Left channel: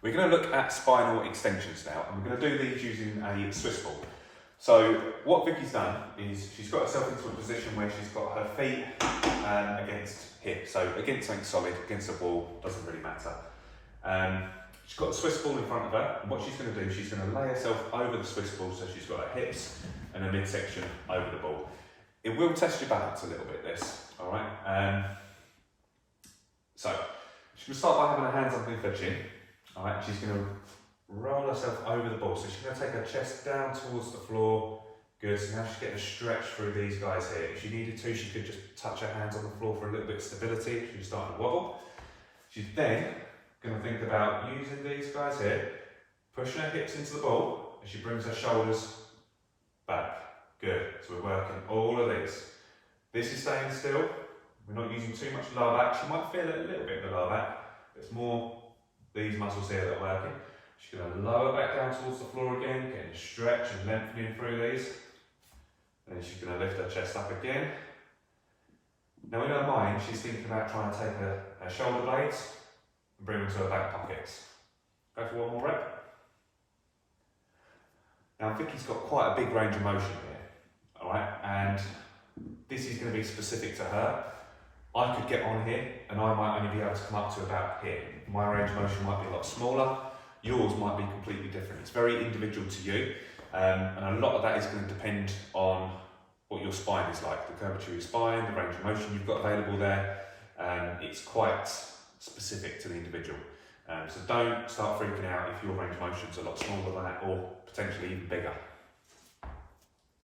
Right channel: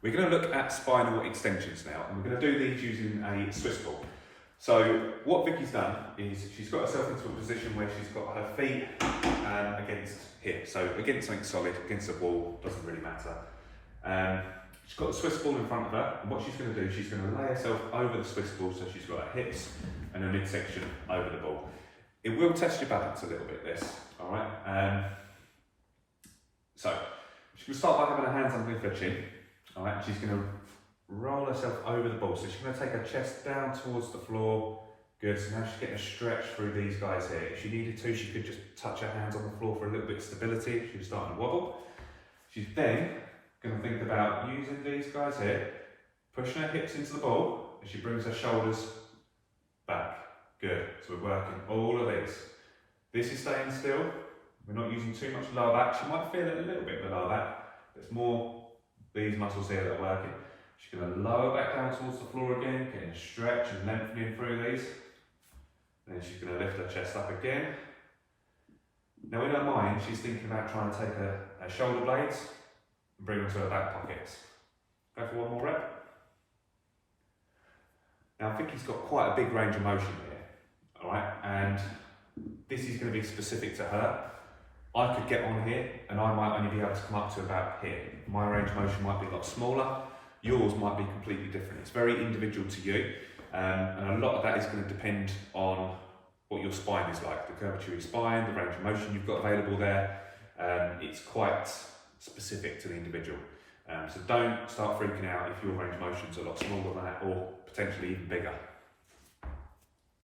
We're going to look at spinal extensions now, and we're going to do these using a Swiss ball. So what Vicky's done is she's got herself into a position where she's got her feet against here. So against something solid, against a wall, doesn't really matter. She's got the Swiss ball in front of her, and what she's going to do, she's going to lay herself over the Swiss ball, so she's got her hips and her midsection over the ball. It will test your balance a little bit, this, all right? So she's going to start by having her hands underneath her chin, all right? She's going to roll herself over the ball, so she's going to take her chest down towards the floor. Good, so now she's getting a stretch through these guys here. If she needed to, she could just touch her hands on the floor for a little bit of stability. She's starting to wobble. She's then going to think about using these guys here, pushing her hips into the ball as she brings her shoulders back. Good, so we're working all of these. This is staying still. We're not using too much lower back. She might feel a little bit of the lower back, but it's more these muscles here that are working. She's going to lower back down towards the floor again, getting a stretch and lengthening through these. Then she's going to lift her chest up again. Now in her mind, she's thinking about trying to take her shoulder blades and bring them to her back pockets. Go for one more rep. Now Vicky's got quite a big range of motion here, all right? And this is going to be specific to her. I could get on here and I might only be able to come up to about here. My range of motion might be a lot smaller. Yours might be completely different. It's very individual to you, and a lot of that is going to depend on what your spine is like, the curvature of your spine, the range of motion you've got available there. It's quite specific to the individual. So don't start freaking out if your range of motion is a lot smaller than that or potentially even bigger.